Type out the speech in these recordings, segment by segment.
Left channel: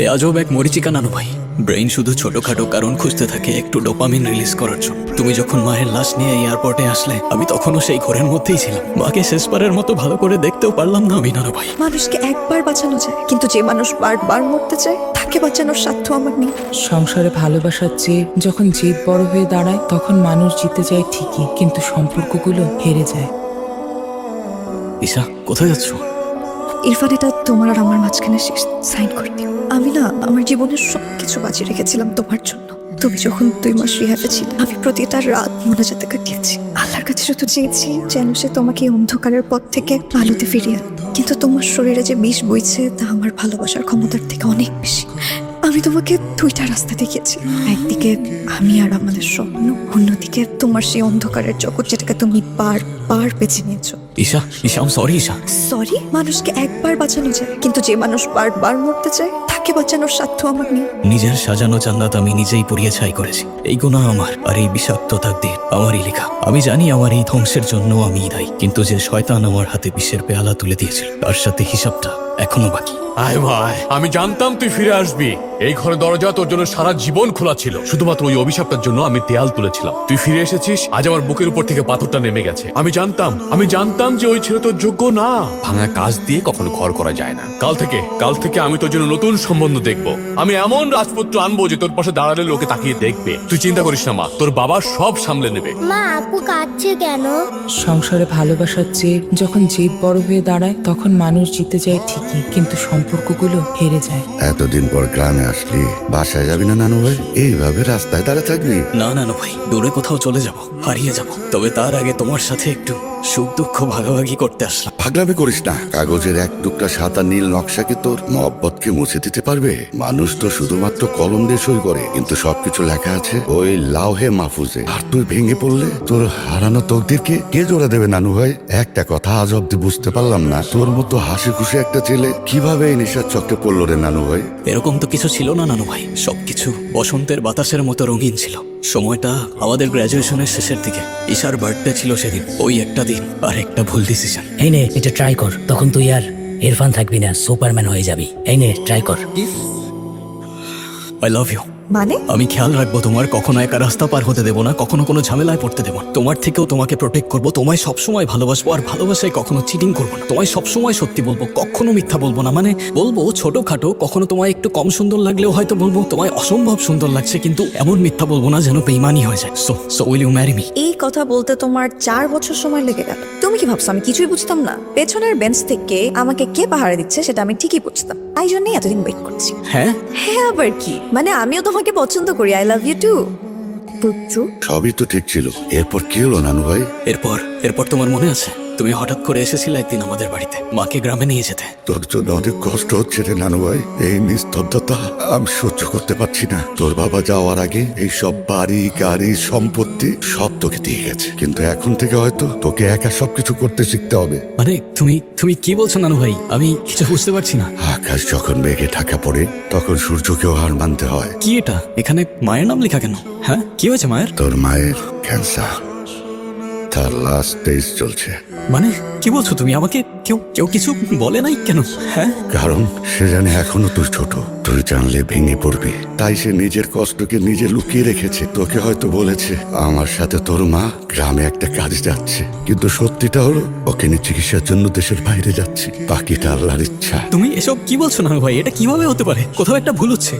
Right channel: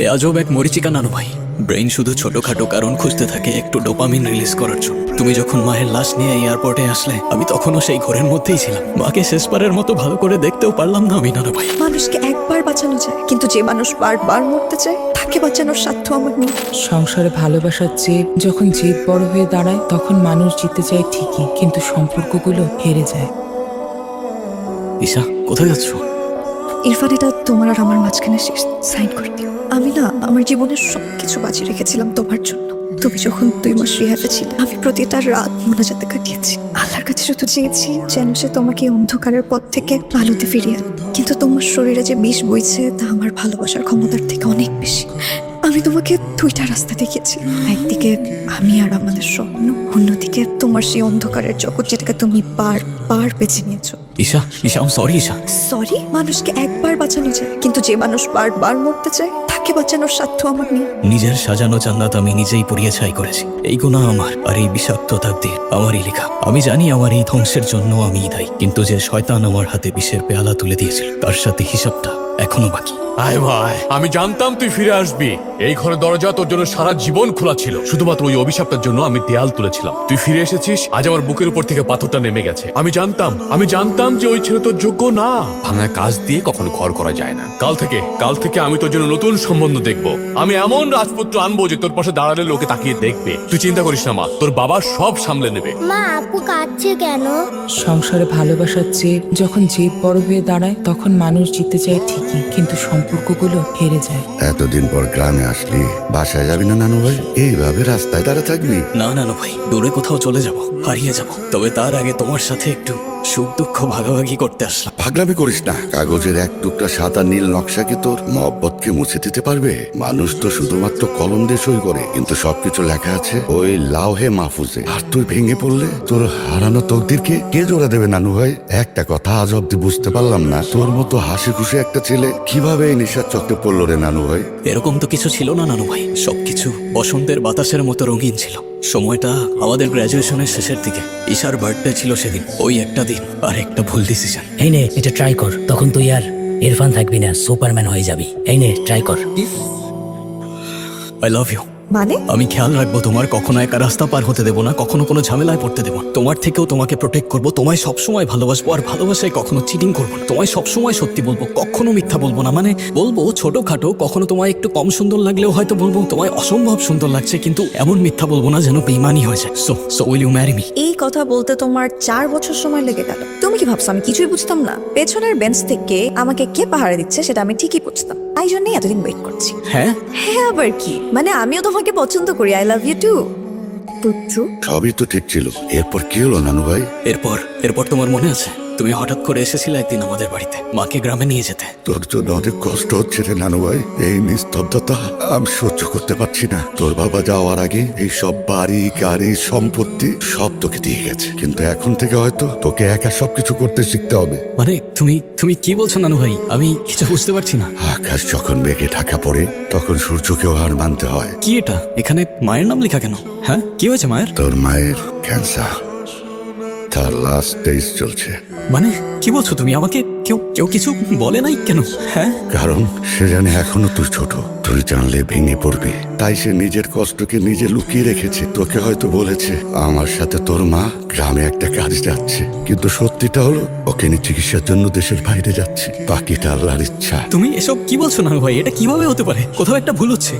এ আজব এক মরিচিকা নানু ভাই। ব্রেইন শুধু ছোটখাটো কারণ খুঁজতে থাকে একটু ডোপামিন রিলিজ করার জন্য। তুমি যখন মায়ের লাশ নিয়ে এয়ারপোর্টে আসলে আমি তখনও সেই ঘোরের মধ্যেই ছিলাম। মাকে শেষবারের মতো ভালো করে দেখতেও পারলাম না আমি নানু ভাই। মানুষকে একবার বাঁচানো যায়, কিন্তু যে মানুষ বারবার মরতে চায় তাকে বাঁচানোর সাধ্য আমার নেই। সংসারে ভালোবাসার চেয়ে যখন জিদ বড় হয়ে দাঁড়ায় তখন মানুষ জিতে যায় ঠিকই, কিন্তু সম্পর্কগুলো হেরে যায়। ঈশা, কোথায় যাচ্ছ? ইরফান, এটা তোমার আর আমার মাঝখানে শেষ। সাইন করে দিও। আমি না আমার জীবনের সবকিছু বাঁচিয়ে রেখেছিলাম তোমার জন্য। তুমি যখন 2 মাস রিহাবে ছিলে, আমি প্রতিটা রাত মোনাজাতে কাটিয়েছি। আল্লাহর কাছে শুধু চেয়েছি যেন সে তোমাকে এই অন্ধকারের পথ থেকে আলোতে ফিরিয়ে আনে। কিন্তু তোমার শরীরে যে বিষ বইছে তা আমার ভালোবাসার ক্ষমতার থেকে অনেক বেশি। আমি তোমাকে 2টা রাস্তা দেখিয়েছি। একদিকে আমি আর আমাদের স্বপ্ন, অন্যদিকে তোমার সেই অন্ধকারের জগৎ, যেটাকে তুমি বারবার বেছে নিয়েছো। Isha, Isha, I am sorry Isha. Sorry? মানুষকে একবার বাঁচানো যায়, কিন্তু যে মানুষ বারবার মরতে চায় তাকে বাঁচানোর সাধ্য আমার নেই। নিজের সাজানো জান্নাত আমি নিজেই পুড়িয়ে ছাই করেছি। এই গুনাহ আমার, আর এই বিষাক্ততার দিক আমারই লেখা। আমি জানি আমার এই ধ্বংসের জন্য আমি দায়ী, কিন্তু যে শয়তান আমার হাতে বিষের পেয়ালা তুলে দিয়েছিল তার সাথে হিসাবটা এখনো বাকি। আয় ভাই, আমি জানতাম তুই ফিরে আসবি। এই ঘরের দরজা তোর জন্য সারা জীবন খোলা ছিল। শুধুমাত্র ওই অভিশাপটার জন্য আমি দেয়াল তুলেছিলাম। তুই ফিরে এসেছিস, আজ আমার বুকের উপর থেকে পাথরটা নেমে গেছে। আমি জানতাম যে ওই ছেলে তোর যোগ্য না। ভাঙা কাজ দিয়ে কখনো ঘর করা যায় না। কাল থেকে আমি তোর জন্য নতুন সম্বন্ধ দেখবো। আমি এমন রাজপুত্র আনবো যে তোর পাশে দাঁড়ালে লোকে তাকিয়ে দেখবে। তুই চিন্তা করিস না মা, তোর বাবা সব সামলে নেবে। মা, আপু কাঁদছে কেন? সংসারে ভালোবাসার চেয়ে যখন জিদ বড় হয়ে দাঁড়ায় তখন মানুষ জিতে যায় ঠিকই, কিন্তু সম্পর্কগুলো হেরে যায়। এতদিন পর গ্রামে আসলি, বাসায় যাবি না নানু ভাই? এইভাবে রাস্তায় দাঁড়িয়ে থাকবি? না নানু ভাই, দূরে কোথাও চলে যাব, হারিয়ে যাব। তবে তার আগে তোমার সাথে একটু সুখ দুঃখ ভাগাভাগি করতে আসলাম। পাগলামি করিস না। কাগজের এক টুকরা সাদা নীল নকশাকে তোর মহব্বতকে মুছে দিতে পারবে? মানুষ তো শুধুমাত্র কলম দিয়ে সই করে, কিন্তু সবকিছু লেখা আছে ওই লাউহে মাহফুজে। আর তুই ভেঙে পড়লে তোর হারানো তোদেরকে কে জোড়া দেবে নানু ভাই? একটা কথা আজ অব্দি বুঝতে পারলাম না, তোর মতো হাসি খুশি একটা ছেলে কিভাবে এই নিশার চক্রে পড়লো রে নানু ভাই? এরকম তো কিছু ছিল না নানু ভাই। সবকিছু বসন্তের বাতাসের মতো রঙিন ছিল। সময়টা আমাদের গ্রাজুয়েশনের শেষের দিকে। ঈশার বার্থডে ছিল সেদিন। ওই একটা দিন আর একটা ভুল ডিসিশন। এই নে, এটা ট্রাই কর, তখন তুই আর ইরফান থাকবি না, সুপারম্যান হয়ে যাবি। এই নে, ট্রাই কর। I love you. মানে? আমি খেয়াল রাখবো তোমার, কখনো একা রাস্তা পার হতে দেবো না, কখনো কোনো ঝামেলায় পড়তে দেবো না। তোমার থেকেও তোমাকে প্রোটেক্ট করবো। তোমায় সবসময় ভালোবাসবো, আর ভালোবাসায় কখনো চিটিং করবো না। তোমায় সবসময় সত্যি বলবো, কখনো মিথ্যা বলবো না। মানে বলবো ছোটখাটো, কখনো তোমায় একটু কম সুন্দর লাগলেও হয়তো বলবো তোমায় অসম্ভব সুন্দর লাগছে, কিন্তু এমন মিথ্যা বলবো না যেন বেইমানি হয়ে যায়। So will you marry me? এই কথা বলতে তোমার 4 বছর সময় লেগে গেল। তুমি কি ভাবছো আমি কিছুই বুঝতাম না? পেছনের বেঞ্চ থেকে আমাকে কে পাহারা দিচ্ছে সেটা আমি ঠিকই বুঝতাম। তাই জন্যই এতদিন ওয়েট করছি। হ্যাঁ, হ্যাঁ আবার কি? মানে আমিও তোমাকে পছন্দ করি। I love you too. সবই তো ঠিক ছিল, এরপর কি হলো নানু ভাই? এরপর তোমার মনে আছে তুমি হঠাৎ করে এসেছিলে একদিন আমাদের বাড়িতে মাকে গ্রামে নিয়ে যেতে। তোর জন্য অনেক কষ্ট হচ্ছে রে নানু ভাই। এই নিস্তব্ধতা আমি সহ্য করতে পারছি না। তোর বাবা যাওয়ার আগে এই সব বাড়ি গাড়ি সম্পত্তি সব তোকে দিয়ে গেছে, কিন্তু এখন থেকে হয়তো তোকে একা সবকিছু করতে শিখতে হবে। মানে তুমি কি বলছো নানু ভাই? আমি কিছু বুঝতে পারছি না। আকাশ যখন মেঘে ঢাকা পড়ে তখন সূর্যকেও হার মানতে হয়। কি এটা? এখানে মায়ের নাম লেখা কেন? হ্যাঁ, কি হয়েছে মায়ের? তোর মায়ের ক্যান্সার, তার লাস্ট স্টেজ চলছে। মানে কি বলছো তুমি? আমাকে কেউ কিছু বলে নাই কেন? হ্যাঁ, কারণ সে জানে এখনো তুই ছোট, তুই জানলে ভেঙে পড়বি। তাই সে নিজের কষ্টকে নিজে লুকিয়ে রেখেছে। তোকে হয়তো বলেছে আমার সাথে তোর মা গ্রামে একটা কাজ যাচ্ছে, কিন্তু সত্যিটা হলো ওকে নিয়ে চিকিৎসার জন্য দেশের বাইরে যাচ্ছে। বাকিটা আল্লাহর ইচ্ছা। তুমি এসব কি বলছো নানু ভাই? এটা কিভাবে হতে পারে? কোথাও একটা ভুল হচ্ছে।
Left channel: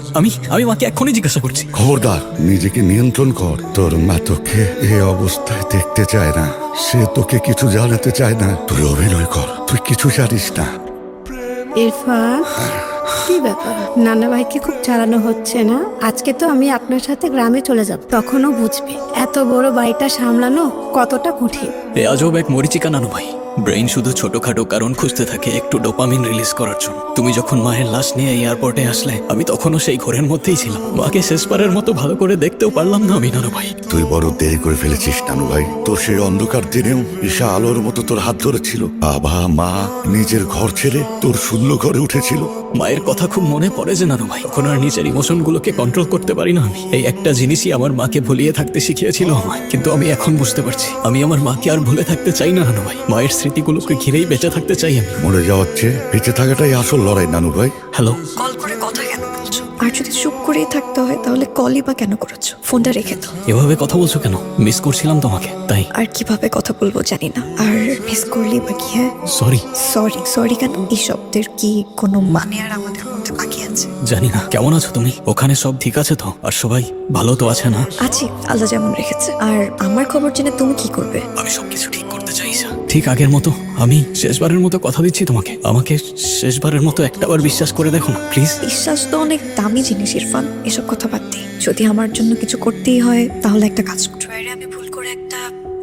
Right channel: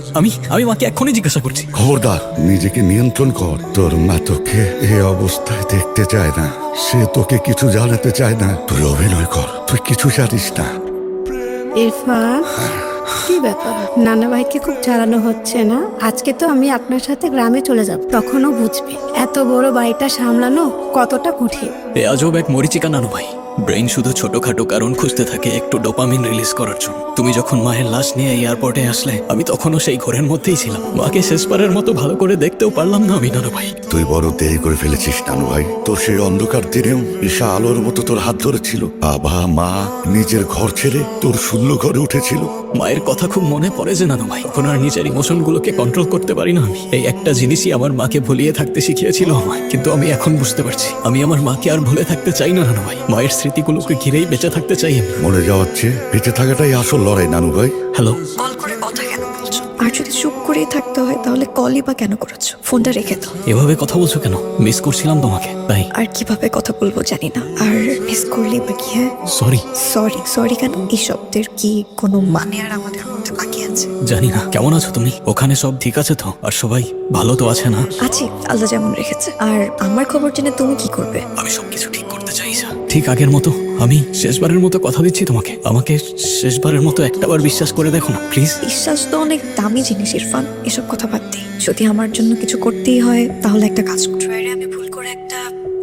আমি মাকে এক্ষুনি জিজ্ঞাসা করছি। খবরদার, নিজেকে নিয়ন্ত্রণ কর। তোর মা তোকে এই অবস্থায় দেখতে চায় না, সে তোকে কিছু জানাতে চায় না। তুই অভিনয় কর, তুই কিছু জানিস না। ইরফান, কি ব্যাপার? নানা ভাইকে খুব চালানো হচ্ছে না? আজকে তো আমি আপনার সাথে গ্রামে চলে যাব, তখনও বুঝবে এত বড় বাড়িটা সামলানো কতটা কঠিন। এ আজব এক মরিচিকা নানু ভাই। ব্রেইন শুধু ছোটখাটো কারণ খুঁজতে থাকে একটু ডোপামিন রিলিজ করার জন্য। তুমি যখন মায়ের লাশ নিয়ে এয়ারপোর্টে আসলে আমি তখনও সেই ঘোরের মধ্যেই ছিলাম। মাকে শেষবারের মতো ভালো করে দেখতেও পারলাম না আমি নানু ভাই। তুই বড় দেরি করে ফেলেছিস নানু ভাই। তোর সেই অন্ধকার দিনেও ঈশা আলোর মতো তোর হাত ধরেছিল। বাবা মা নিজের ঘর ছেড়ে তোর শূন্য ঘরে উঠেছিল। মায়ের কথা খুব মনে পড়ে যে নানু ভাই, এখন আর নিজের ইমোশন গুলোকে কন্ট্রোল করতে পারি না আমি। এই একটা জিনিসই আমার মাকে ভুলিয়ে থাকতে শিখিয়েছিল আমার। কিন্তু আমি এখন বুঝতে পারছি আমি আমার মাকে আর ভুলে থাকতে চাই না নানু ভাই। মায়ের স্মৃতিগুলোকে ঘিরেই বেঁচে থাকতে চাই আমি। মরে যাওয়ার চেয়ে বেঁচে থাকাটাই আসল লড়াই নানু ভাই। হ্যালো, কল করে কথা কেন বলছো? বাসায় থাকতে হয় তাহলে কলই বা কেন করেছো? ফোনটা রেখে দাও। এভাবে কথা বলছো কেন? মিস করছিলাম তোমাকে তাই। আর কিভাবে কথা বলবো জানি না, আর মিস করলে বা কি? হ্যাঁ, সরি। সরি কেন? এই শব্দের কি কোনো মানে আর আমাদের মধ্যে বাকি আছে? জানি না। কেমন আছো তুমি? ওখানে সব ঠিক আছে তো? আর সবাই ভালো তো আছে না? আছি, আল্লাহ যেমন রেখেছে। আর আমার খবর জেনে তুমি কি করবে? আমি সবকিছু ঠিক করতে চাইছা ঠিক আগের মতো। আমি শেষবারের মতো কথা দিচ্ছি তোমাকে, আমাকে শেষবারের মতো একটাবার বিশ্বাস করে দেখো না প্লিজ। বিশ্বাস তো অনেক দামি জিনিস ইরফান, এসব কথা বাদ দিই। যদি আমার জন্য কিছু করতেই হয় তাহলে একটা কাজ করো। আমি ভুল করে একটা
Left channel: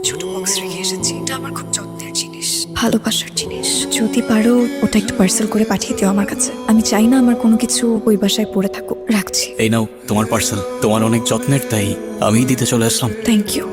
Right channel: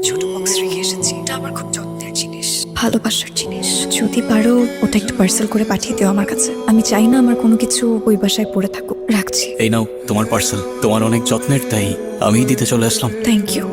ছোট বক্স রেখে এসেছি, এটা আমার খুব যত্নের জিনিস, ভালোবাসার জিনিস। যদি পারো ওটা একটা পার্সেল করে পাঠিয়ে দিও আমার কাছে। আমি চাই না আমার কোনো কিছু ওই বাসায় পড়ে থাকুক। রাখছি। এই নাও তোমার পার্সেল, তোমার অনেক যত্নের, তাই আমি দিতে চলে আসলাম। Thank you.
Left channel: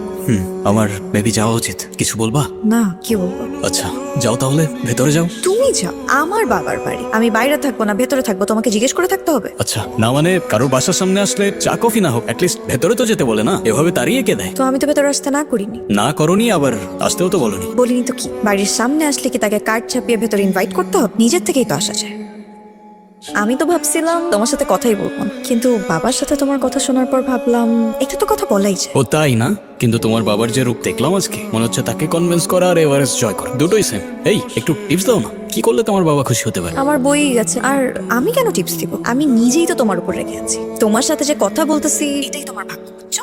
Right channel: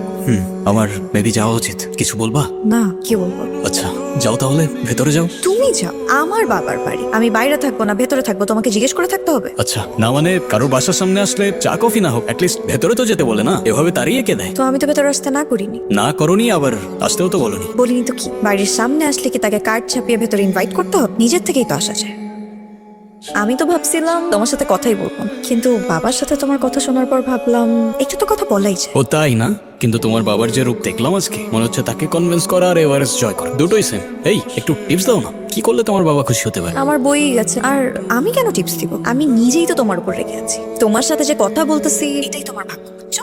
আমার বেবি যাওয়া উচিত, কিছু বলবা? না, কি বলবো? আচ্ছা যাও তাহলে, ভেতরে যাও। তুমি যাও, আমার বাবার বাড়ি, আমি বাইরে থাকবো না ভেতরে থাকবো, তোমাকে জিজ্ঞেস করে থাকতে হবে? আচ্ছা না মানে কারোর বাসার সামনে আসলে চা কফি না হোক অ্যাটলিস্ট ভেতরে তো যেতে বলে না, এভাবে তাড়িয়ে কে দেয়? তো আমি তো ভেতরে আসতে না করিনি। না করনি, আবার আসতেও তো বলনি। বলিনি তো কি? বাড়ির সামনে আসলে কি তাকে কার্ড ছাপিয়ে ভেতরে ইনভাইট করতে হবে? নিজের থেকেই তো আসা যায়। আমি তো ভাবছিলাম তোমার সাথে কথাই বলবো না, কিন্তু বাবার সাথে তোমার কথা শোনার পর ভাবলাম একটু তো কথা বলাই যায়। ও তাই না? কিন্তু তোমার বাবার যে রূপ দেখলাম আজকে, মনে হচ্ছে তাকে কনভিন্স করা আর এভারেস্ট জয় করা দুটোই সেম। এই একটু টিপস দাও না, কি করলে তোমার বাবা খুশি হতে পারে? আমার বই গেছে, আর আমি কেন টিপস দিব? আমি নিজেই তো তোমার উপর রেখে আছি, তোমার সাথে যে কথা বলতেছি এটাই তোমার ভাগ্য, বুঝছো?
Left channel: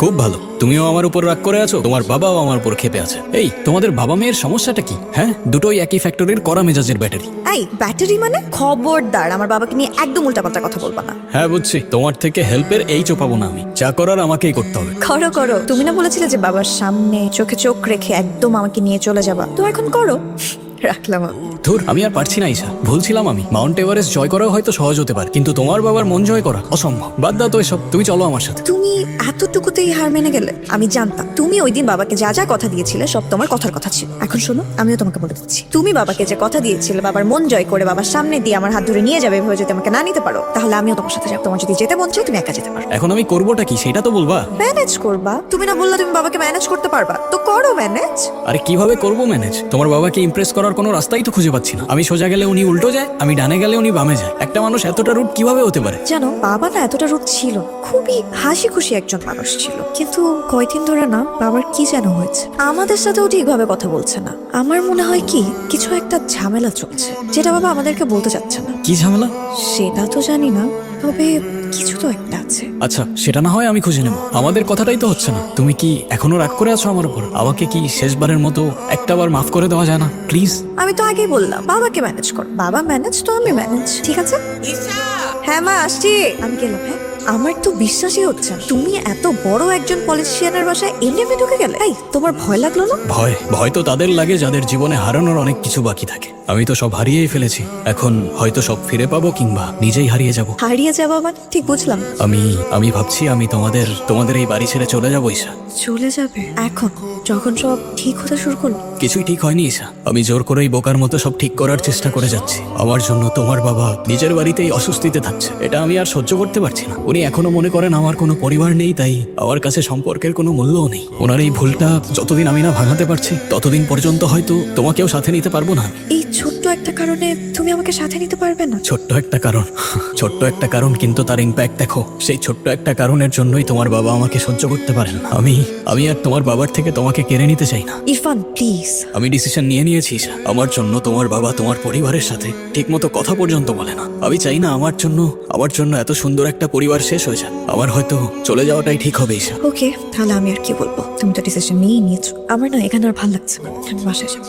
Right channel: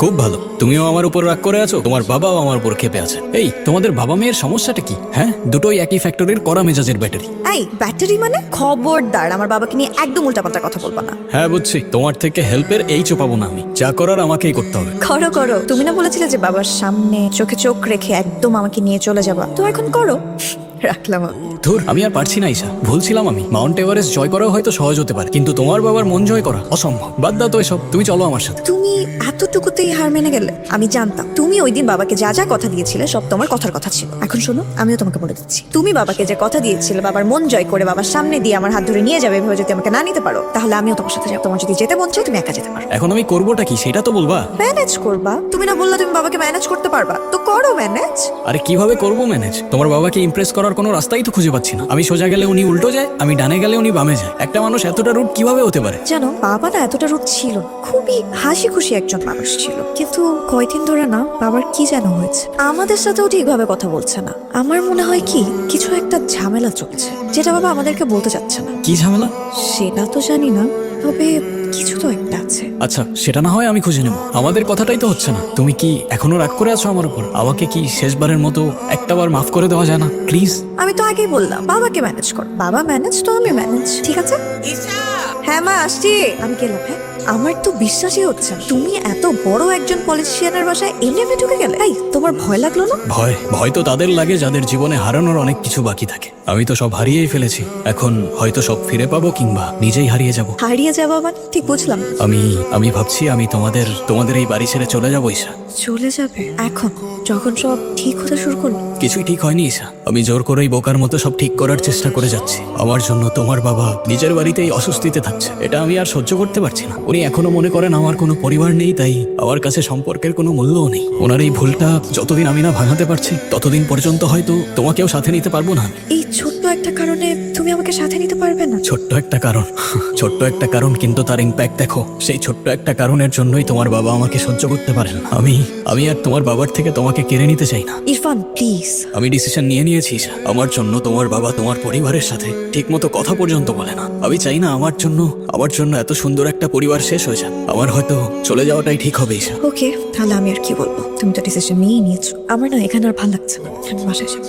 খুব ভালো। তুমিও আমার উপর রাগ করে আছো, তোমার বাবাও আমার উপর ক্ষেপে আছে। এই তোমাদের বাবা মেয়ের সমস্যাটা কি? হ্যাঁ, দুটোই একই ফ্যাক্টরির কড়া মেজাজের ব্যাটারি। এই ব্যাটারি মানে? খবরদার আমার বাবাকে নিয়ে একদম উল্টাপাল্টা কথা বলবো না। হ্যাঁ বুঝছি, তোমার থেকে হেল্পের এই পাবো না আমি, যা করার আমাকেই করতে হবে। করো, তুমি না বলেছিলে যে বাবার সামনে চোখে চোখ রেখে একদম আমাকে নিয়ে চলে যাবা, তো এখন করো। রাখলাম আমি। ধুর, আমি আর পারছি না ঈশা, ভুলছিলাম আমি। মাউন্ট এভারেস্ট জয় করা হয়তো সহজ হতে পারে, কিন্তু তোমার বাবার মন জয় করা অসম্ভব। বাদ দাও তো এসব, তুমি চলো আমার সাথে। তুমি এতটুকুতেই হার মেনে গেলে? আমি জানতাম তুমি ওই দিন বাবাকে যা যা কথা দিয়েছিলে সব তোমার কথার কথা ছিল। এখন শোনো, আমিও তোমাকে বলে দিচ্ছি, তুমি বাবাকে যে কথা দিয়েছিলে বাবার মন জয় করে বাবার সামনে দিয়ে আমার হাত ধরে নিয়ে যাবে, এভাবে যদি আমাকে না নিতে পারো তাহলে আমিও তোমার সাথে যাবো। তোমার যদি যেতে মন চায় তুমি একা যেতে পারো। এখন আমি করবোটা কি সেটা তো বলবা। ম্যানেজ করবা। তুমি না বললা তুমি বাবাকে ম্যানেজ করতে পারবা, তো করো ম্যানেজ। আরে কিভাবে করবো ম্যানেজ? তোমার বাবাকে ইমপ্রেস করার কোনো রাস্তাই তো খুঁজে পাচ্ছি না। আমি সোজা গেলে উনি উল্টো যায়, আমি ডানে গেলে উনি বামে যায়। একটা মানুষ এতটা রুট কিভাবে হতে পারে? জানো, বাবা না এতটা রূপ ছিল না, খুবই হাসি খুশি একজন মানুষ ছিল, কিন্তু কয়দিন ধরে না বাবার কি যেন হয়েছে, আমাদের সাথেও ঠিকভাবে কথা বলছে না। আমার মনে হয় কি কিছু একটা ঝামেলা চলছে, যেটা বাবা আমাদেরকে বলতে চাচ্ছে না। কি ঝামেলা? সেটা তো জানি না, তবে কিছু তো একটা আছে। আচ্ছা সেটা না হয় আমি খুঁজে নেবো, আমাদের কথাটাই তো হচ্ছে না। তুমি কি এখনো রাগ করে আছো আমার উপর? আমাকে কি শেষবারের মতো একটাবার মাফ করে দেওয়া যায় না প্লিজ? আমি তো আগেই বললাম বাবাকে ম্যানেজ কর, বাবা ম্যানেজ তো আমি ম্যানেজ, ঠিক আছে? হ্যাঁ মা, আসছি। আমি গেলাম। আমার তো বিশ্বাসই হচ্ছে না তুমি এত বড় একজন পলিটিশিয়ানের বাসায় এলিভে ঢুকে গেলে। এই, তোমার ভয় লাগলো না? ভয় তো তাদের লাগে যাদের জীবনে হারানোর অনেক কিছু বাকি থাকে। আমি তো সব হারিয়েই ফেলেছি, এখন হয়তো সব ফিরে পাবো কিংবা নিজেই হারিয়ে যাব। হারিয়ে যাওয়া মানে? ঠিক বুঝলাম। আমি ভাবছি আমি তোমাদের এই বাড়ি ছেড়ে চলে যাবো ঈশা। চলে যাবে এখন, যখন সব ঠিক হতে শুরু করলো? কিছুই ঠিক হয়নি ঈশা, আমি জোর করেই বোকার মতো সব ঠিক করার চেষ্টা করে যাচ্ছি। আমার জন্য তোমার বাবা নিজের বাড়িতেই অস্বস্তিতে থাকছে, এটা আমি আর সহ্য করতে পারছি না। উনি এখনো মনে করেন আমার কোনো পরিবার নেই, তাই আমার কাছে সম্পর্কের কোনো মূল্যও নেই। ওনার এই ভুলটা যতদিন আমি না ভাঙাতে পারছি ততদিন পর্যন্ত হয়তো তোমাকেও সাথে নিতে পারবো না। এই ছোট্ট একটা কারণে তুমি আমাকে সাথে নিতে পারবে না? ছোট্ট একটা কারণ কিন্তু তার ইম্প্যাক্ট দেখো। সেই ছোট্ট একটা কারণের জন্যই তোমার বাবা আমাকে সহ্য করতে পারেন না। আমি আর তোমার বাবার থেকে তোমাকে কেড়ে নিতে চাই না। ইরফান প্লিজ। আমি ডিসিশন নিয়ে নিয়েছি, আমার জন্য তোমার বাবা তোমার পরিবারের সাথে ঠিকমতো কথা পর্যন্ত বলে না। আমি চাই না আমার জন্য এত সুন্দর একটা পরিবার শেষ হয়ে যাক। আমার হয়তো চলে যাওয়াটাই ঠিক হবে ঈশা। ওকে, তাহলে আমি আর কি বলবো, তুমি তো ডিসিশন নিয়েই নিয়েছো। আমার না এখানে আর ভালো লাগছে না, বাসায় যাবো।